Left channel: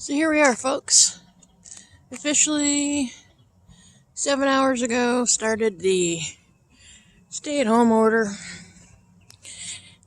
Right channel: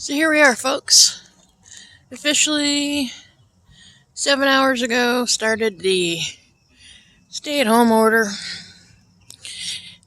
So here we are, folks. Officially, 7 hours ago, started the stay-at-home order.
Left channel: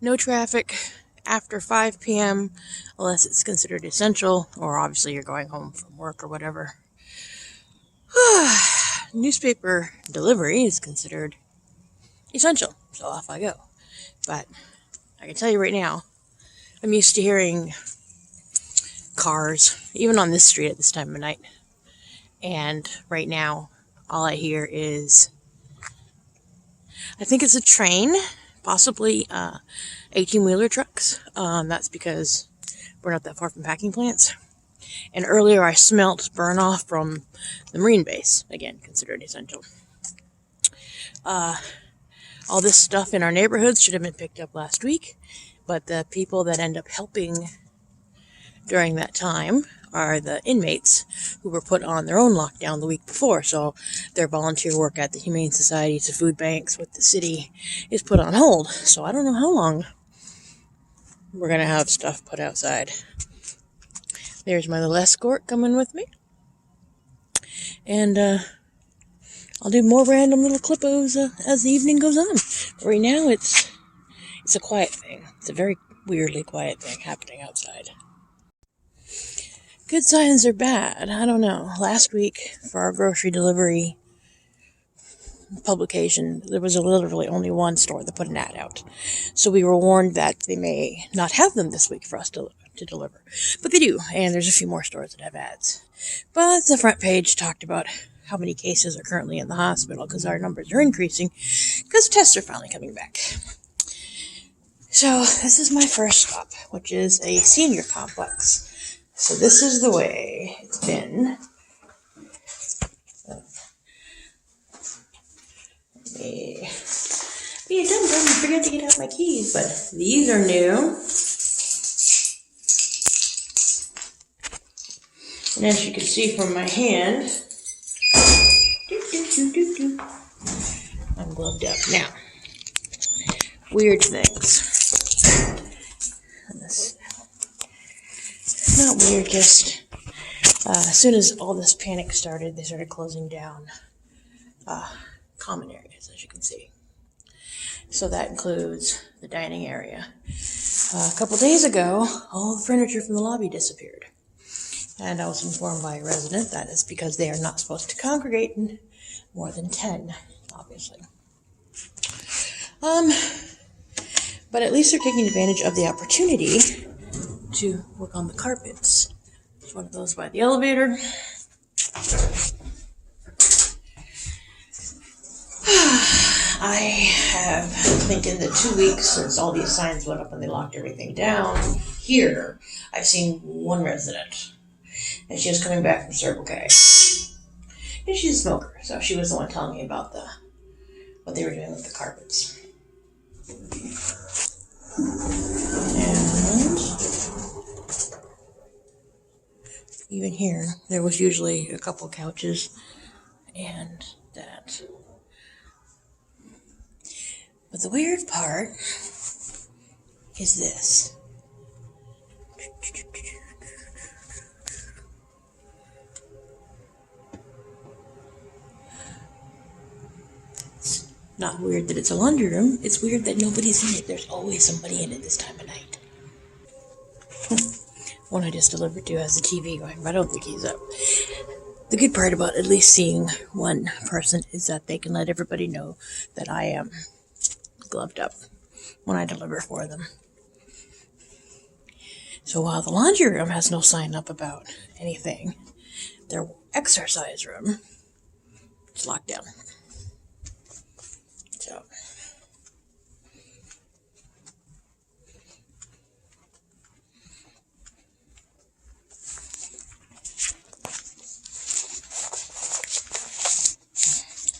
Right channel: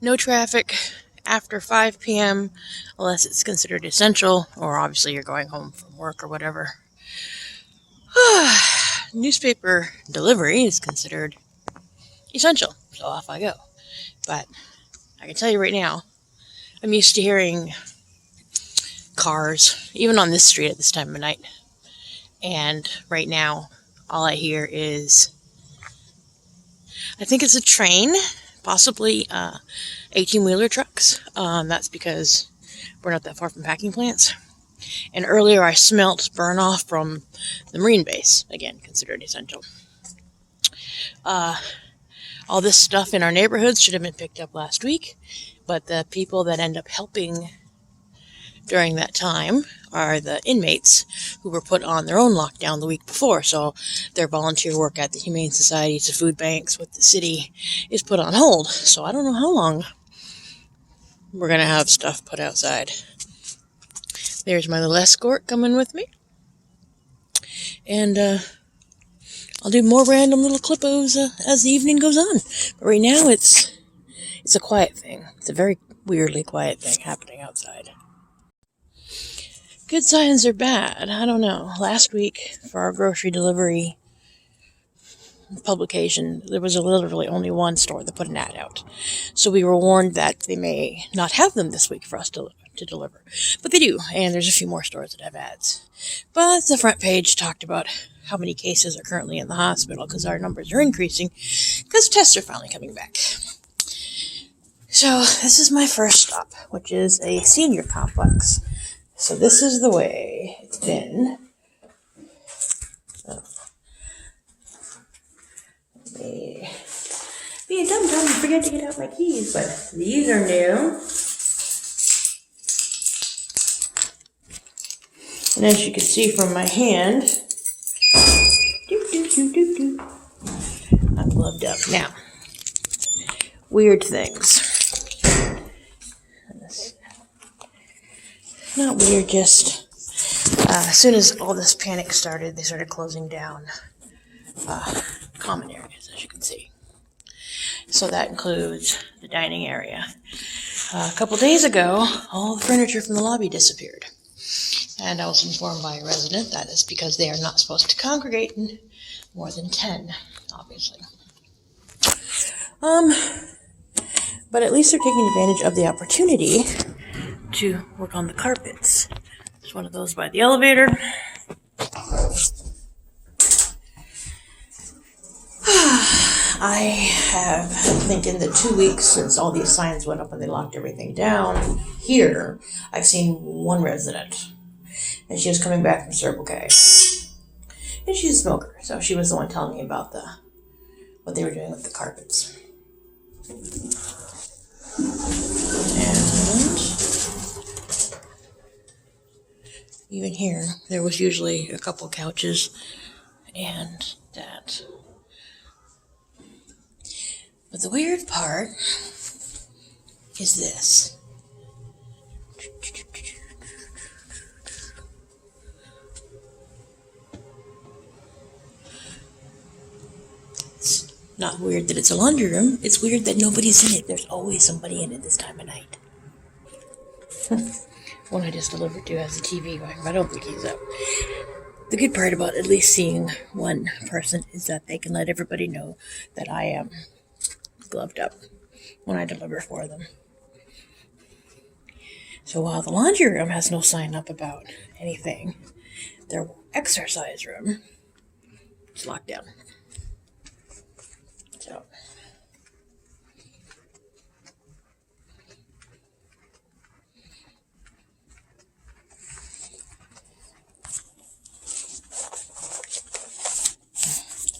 No traffic after 5 p.m. unless it's considered essential, or obviously you're going home from work or whatever. Newspaper delivery is considered essential, so off I go. But I can tell you right now, I'm used to hearing cars, even on this street at this time of night. And right now, all I hear is, I think it's a train, possibly 18-wheeler trucks. That's because we're not that far from packing plants. And earlier I smelt burn off from the Marine base, again, considered essential. All this stuff in our neighborhoods should have been picked up last week, but the people that end up helping during that time are the inmates who were put on their own lockdown the week before. So their volunteer work at the Humane Society to food banks with the city is put on hold. So I don't know how long we're going to have stuff put outside. There's my little escort coming with me. And I'll do more random little clippos as the evening goes on. But right now it's a quiet thing. It's a very weirdly quiet thing happening outside. Good signs or bad? I don't know. Last week, for our grocery delivery publication, there was literally only one store that put an ad out. So we were warned that they may not have them this week for us to deliver. But they do, and there's a few more stores that have ads. But the front page talked about how many cases are currently in the hospital because our numbers are increasing because tests are finally coming back. So this is my first stop, which is a senior complex. So this is the way it's been. Be a dum-dum and forget to get out my keys, but these are new. And as you can see from my hand, I'm gloved up. Now, weird things. Not weird, just as soon as all this panic started, they started closing down common areas, as you can see. So that includes the dining area. A couple days ago, all the furniture from the lobby disappeared. And I was informed by a resident that is because they are not supposed to congregate in more than 10, obviously. But at least they're taking advantage of the opportunity to work on the carpets. There's one of those by the elevator. I have thinking the 2 weeks since all these signs went up and they locked everything down here, I've seen one resident. And she was coming back from Circle K. And she's a smoker, so she was the one telling me about what they were doing with the carpets. And even here, there was usually a couple couches and that. But the weird part is this. It's not weird that it's a laundry room. It's weird that nobody's in it. There's always somebody in it this time of night. One I just delivered to has the TV going, but I don't think he's up. The good part about at least seeing one person is that they can let everybody know that I am gloved up when I deliver for them. So while the laundry room has no sign up about anything, their exercise room is locked down. So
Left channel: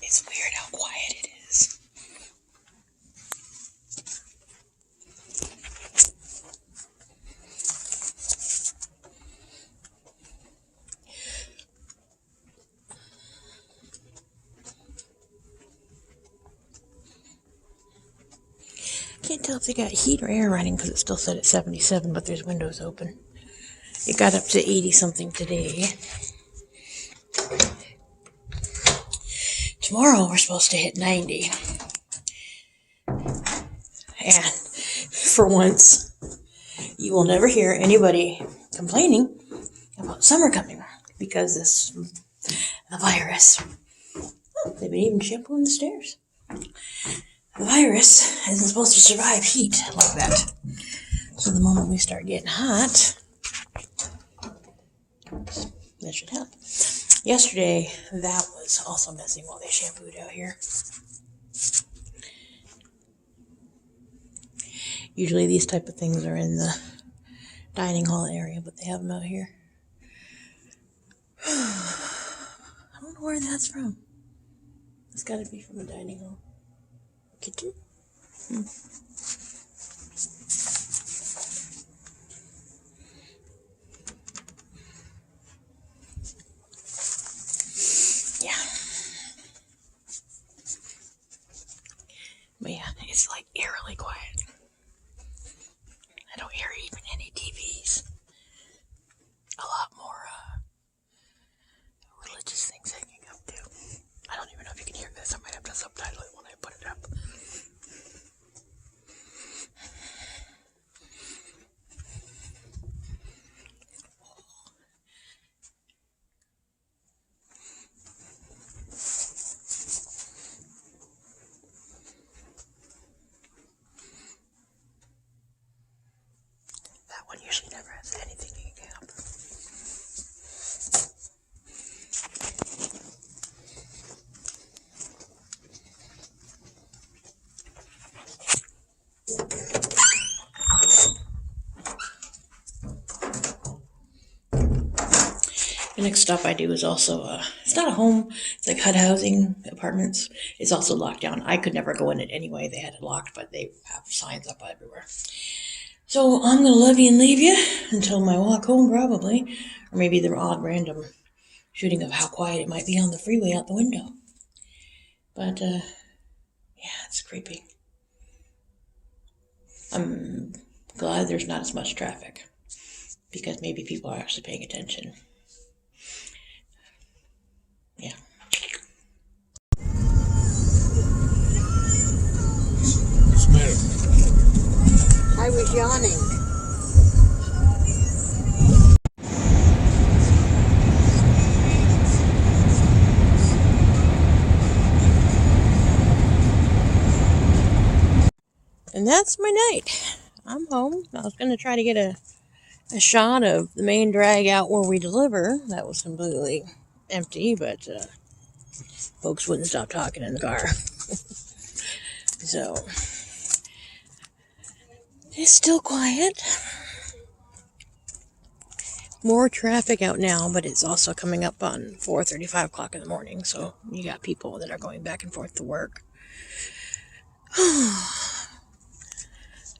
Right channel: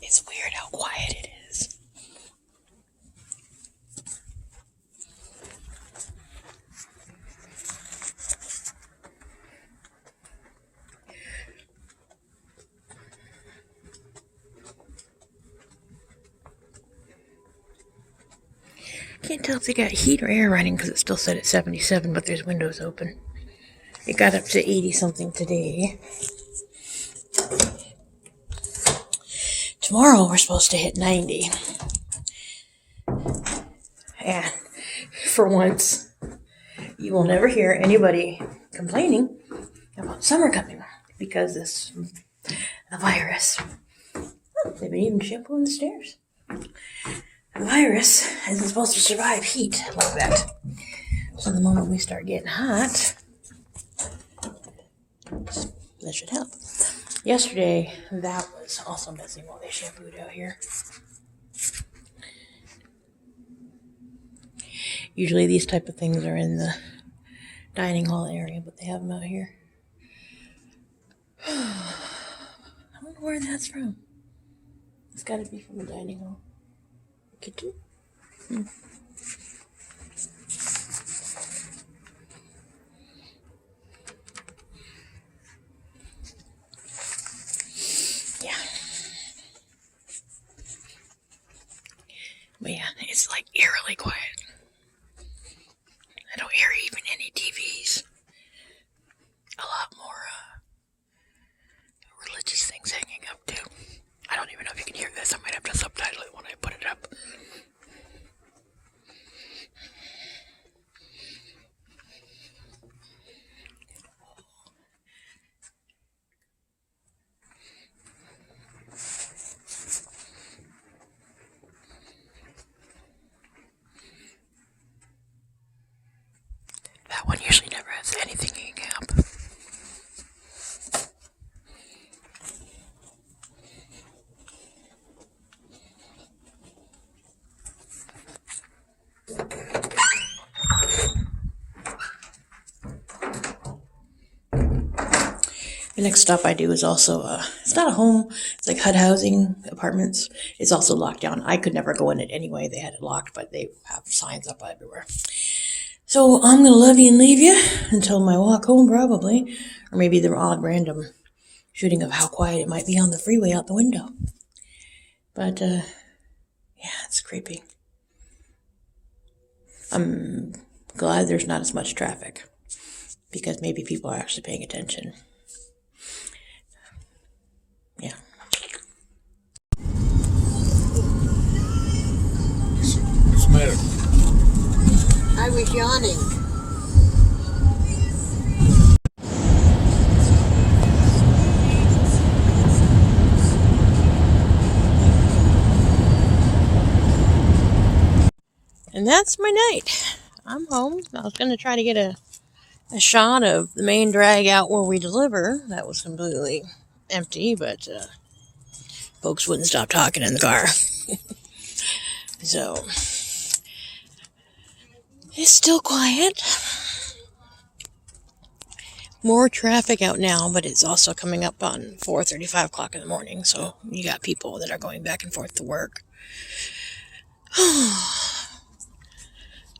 it's weird how quiet it is. Can't tell if they got heat or air running because it's still set at 77, but there's windows open. It got up to 80 something today. Tomorrow we're supposed to hit 90. And for once, you will never hear anybody complaining about summer coming because the virus. Oh, they've been even shampooing the stairs. The virus isn't supposed to survive heat like that. So the moment we start getting hot, that should help. Yesterday, that was also messing while they shampooed out here. Usually these type of things are in the dining hall area, but they have them out here. I don't know where that's from. It's got to be from the dining hall. Kitchen? Yeah. But yeah, it's like eerily quiet. I don't hear even any TVs. A lot more religious things hanging up too. I don't even know if you can hear this. I might have to subtitle it when I put it up. That one usually never has anything hanging up. The next stop I do is also, it's not a home, it's like HUD housing apartments. It's also locked down. I could never go in it anyway. They had it locked, but they have signs up everywhere. So I'm going to love you and leave you until my walk home probably, or maybe the odd random shooting of how quiet it might be on the freeway out the window. But, yeah, it's creepy. I'm glad there's not as much traffic because maybe people are actually paying attention. Yeah. What's the matter? I was yawning. And that's my night. I'm home. I was going to try to get a shot of the main drag out where we deliver. That was completely empty, but folks wouldn't stop talking in the car. So, it's still quiet. More traffic out now, but it's also coming up on 4:30, 5 o'clock in the morning. So, you got people that are going back and forth to work.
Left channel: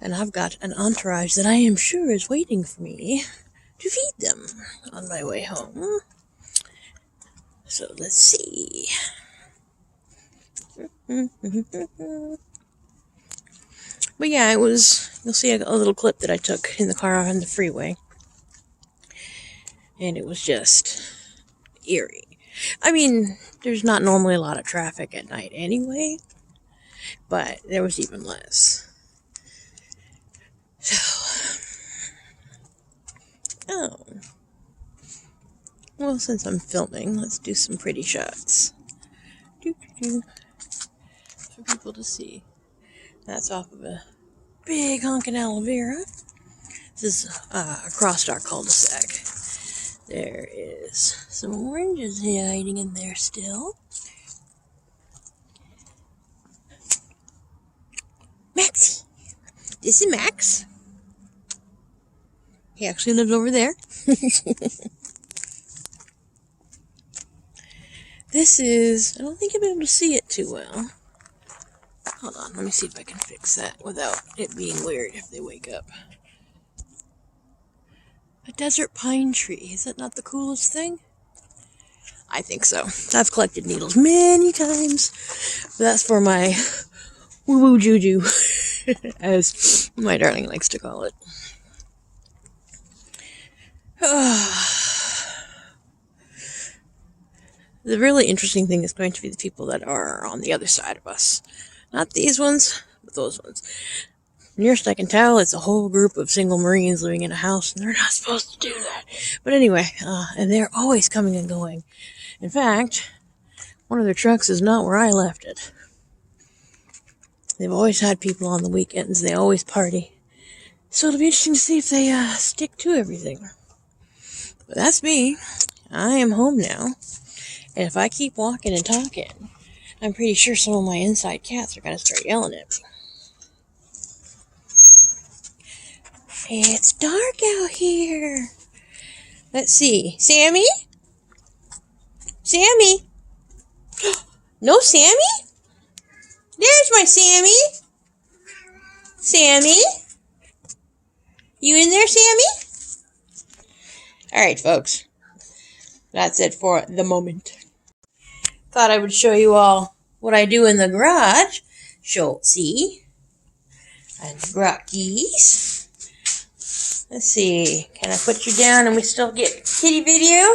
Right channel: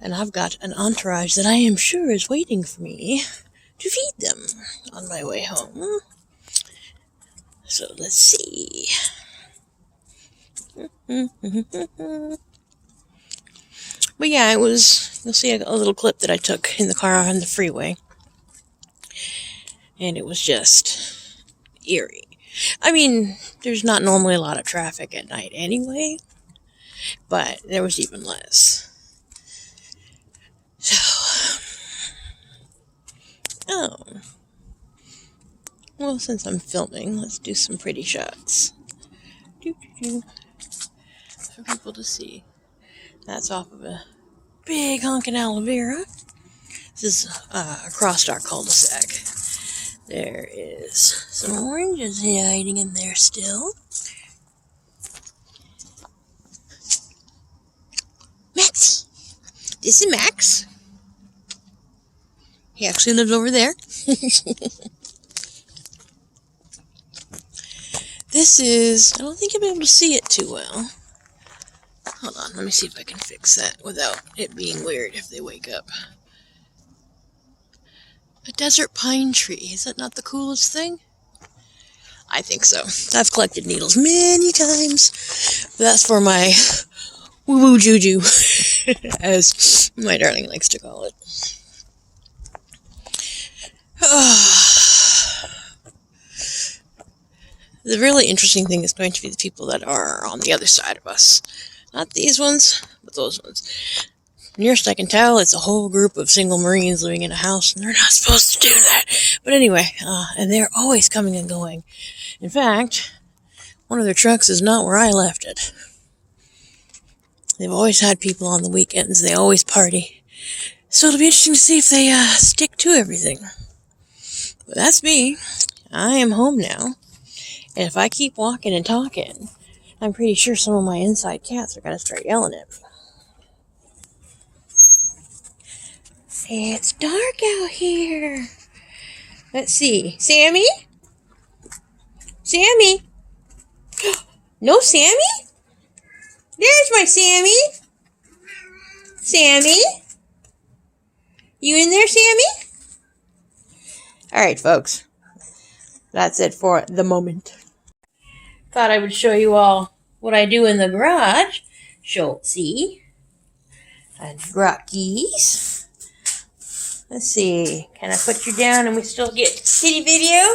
And I've got an entourage that I am sure is waiting for me to feed them on my way home. So let's see. But yeah, you'll see a little clip that I took in the car on the freeway. And it was just eerie. I mean, there's not normally a lot of traffic at night anyway, but there was even less. So, well, since I'm filming, let's do some pretty shots. For people to see. That's off of a big honkin' aloe vera. This is across our cul-de-sac. There is some oranges hiding in there still. Maxie! This is Max. He actually lives over there. This is, I don't think you'll be able to see it too well. Hold on, let me see if I can fix that without it being weird if they wake up. A desert pine tree. Is that not the coolest thing? I think so. I've collected needles many times. But that's for my woo-woo juju, as my darling likes to call it. The really interesting thing is going to be the people that are on the other side of us. Not these ones, but those ones. Nearest I can tell, it's a whole group of single Marines living in a house, and they're not supposed to do that. But anyway, and they're always coming and going. In fact, one of their trucks is not where I left it. They've always had people on the weekends. They always party. So it'll be interesting to see if they stick to everything. But that's me. I am home now. And if I keep walking and talking, I'm pretty sure some of my inside cats are going to start yelling at me. It's dark out here. Let's see. Sammy? Sammy? No Sammy? There's my Sammy. Sammy? You in there, Sammy? Alright, folks. That's it for the moment. Thought I would show you all what I do in the garage. Schultzy. And Grockies. Let's see. Can I put you down and we still get kitty video?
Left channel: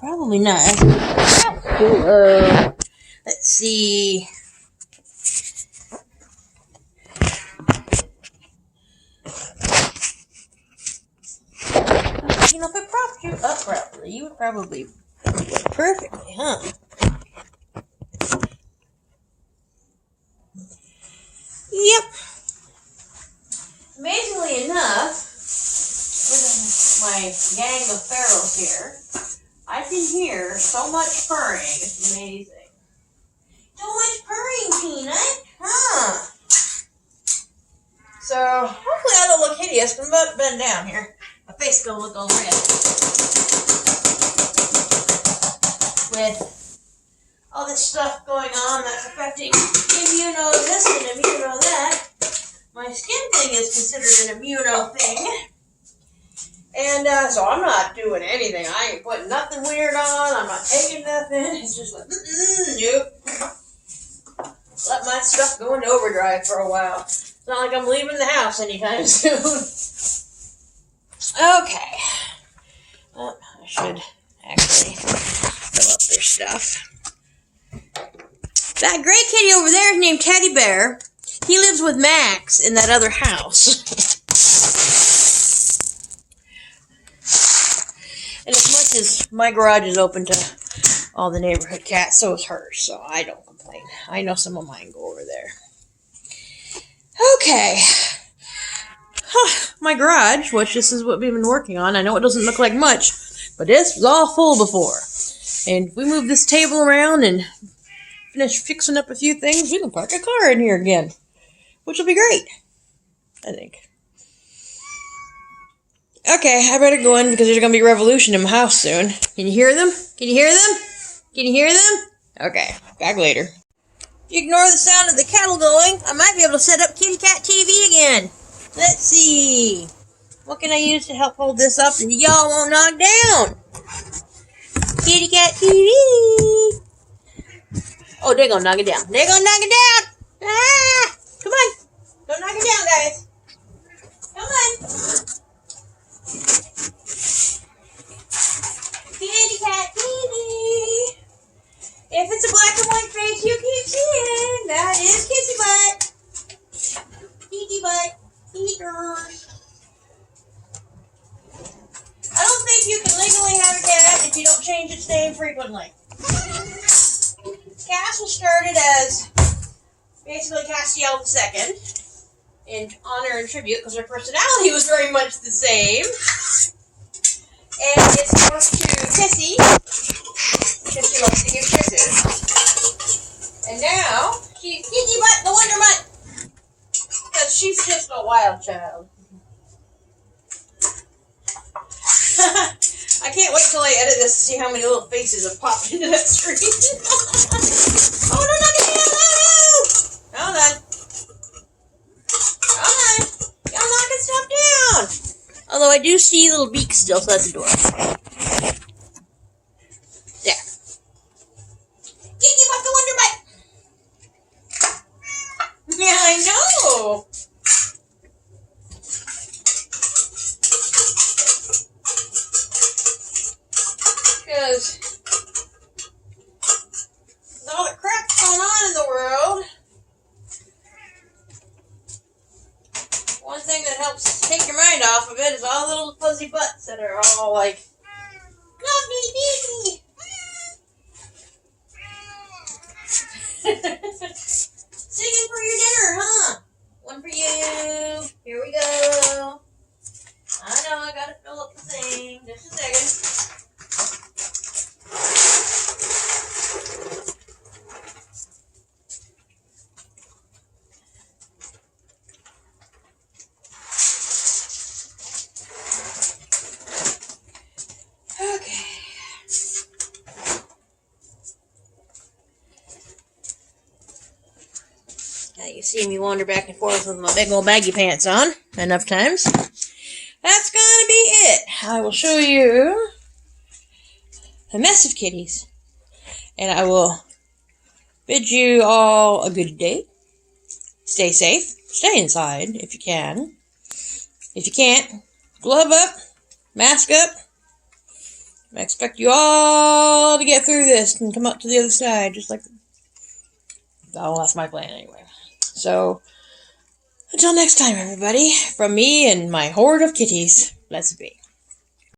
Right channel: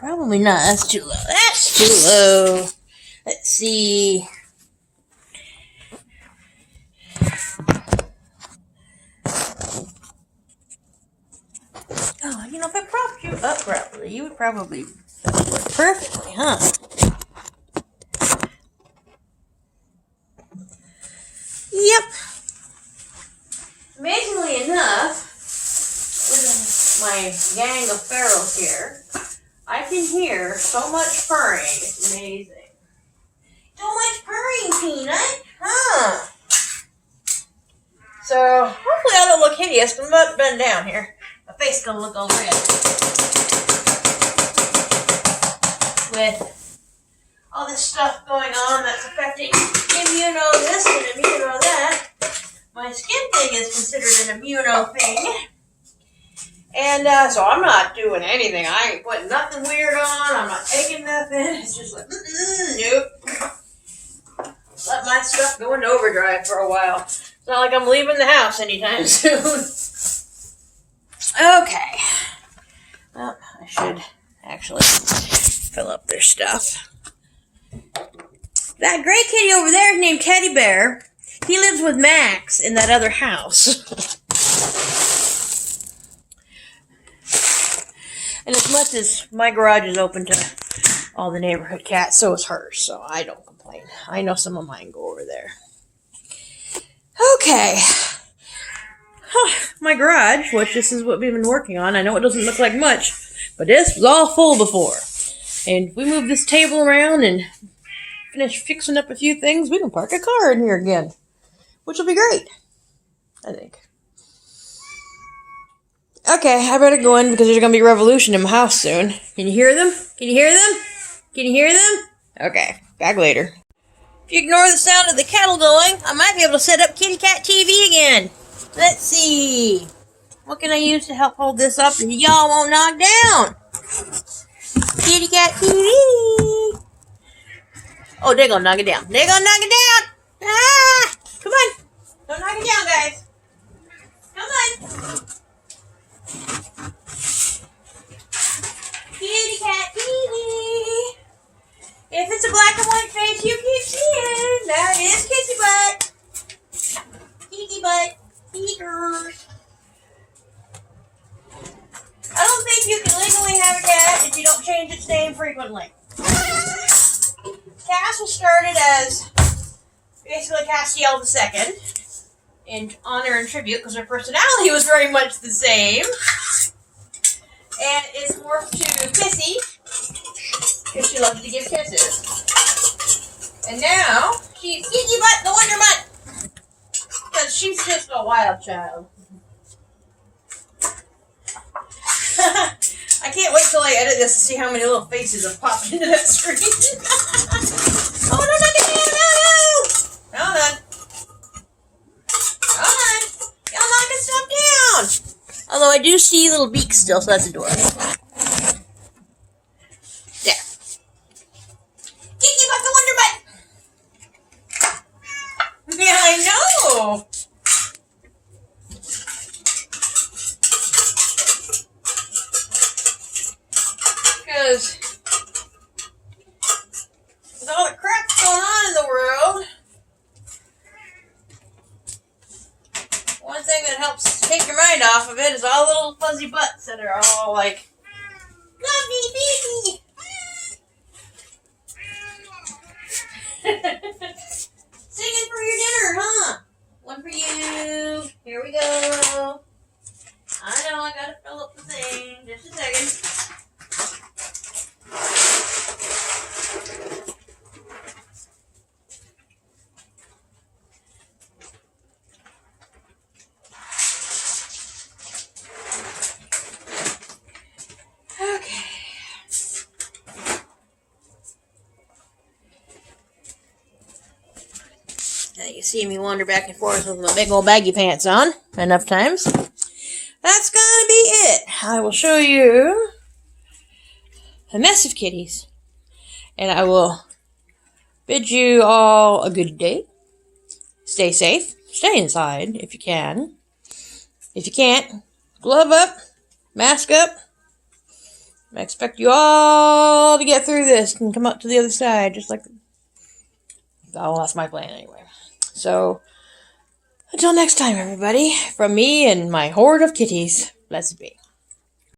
Probably not. That's too low. Let's see. You know, if I propped you up properly, you would probably work perfectly, huh? Yep. Amazingly enough, with my gang of ferals here, I can hear so much purring. It's amazing. So much purring, Peanut, huh? So, hopefully I don't look hideous. I'm about to bend down here. My face is going to look all red. With all this stuff going on that's affecting immuno this and immuno that, my skin thing is considered an immuno thing. And so I'm not doing anything. I ain't putting nothing weird on. I'm not taking nothing. It's just like, nope. Let my stuff go into overdrive for a while. It's not like I'm leaving the house anytime soon. Okay. Well, I should actually fill up their stuff. That gray kitty over there is named Teddy Bear. He lives with Max in that other house. And as much as my garage is open to all the neighborhood cats, so is hers, so I don't complain. I know some of mine go over there. Okay. My garage, which this is what we've been working on. I know it doesn't look like much, but this was all full before. And if we move this table around and finish fixing up a few things, we can park a car in here again, which will be great, I think. Okay, I better go in because there's going to be a revolution in my house soon. Can you hear them? Can you hear them? Can you hear them? Okay, back later. If you ignore the sound of the kettle going, I might be able to set up Kitty Cat TV again. Let's see. What can I use to help hold this up and y'all won't knock down? Kitty Cat TV. Oh, they're going to knock it down. They're going to knock it down. Ah! Come on. Don't knock it down, guys. Come on. Kitty Cat TV. If it's a black and white face you keep seeing, that is Kissy Butt. Kiki Butt. Eaters. I don't think you can legally have a cat if you don't change its name frequently. Castle started as basically Castiel II in honor and tribute because her personality was very much the same. And it's morphed to Kissy because she loves to give kisses. And now she's Kiki Butt the Wonder Mutt because she's just a wild child. I can't wait till I edit this to see how many little faces have popped into that screen. Oh, no, knock it down! No! Hold on. Hold on. Y'all knocking stuff down. Although I do see little beaks still, so that's adorable. There. Kiki Butt the Wonder Butt! Yeah, I know! thing that helps take your mind off of it is all the little fuzzy butts that are all like, love me, baby. Singing for your dinner, huh? One for you. Here we go. I know I gotta fill up the thing. Just a second. Okay. Now you see me wander back and forth with my big old baggy pants on enough times. That's gonna be it. I will show you a mess of kitties. And I will bid you all a good day. Stay safe. Stay inside if you can. If you can't, glove up, mask up. I expect you all to get through this and come up to the other side, just like... Oh, that's my plan anyway. So, until next time, everybody, from me and my horde of kitties, let's be.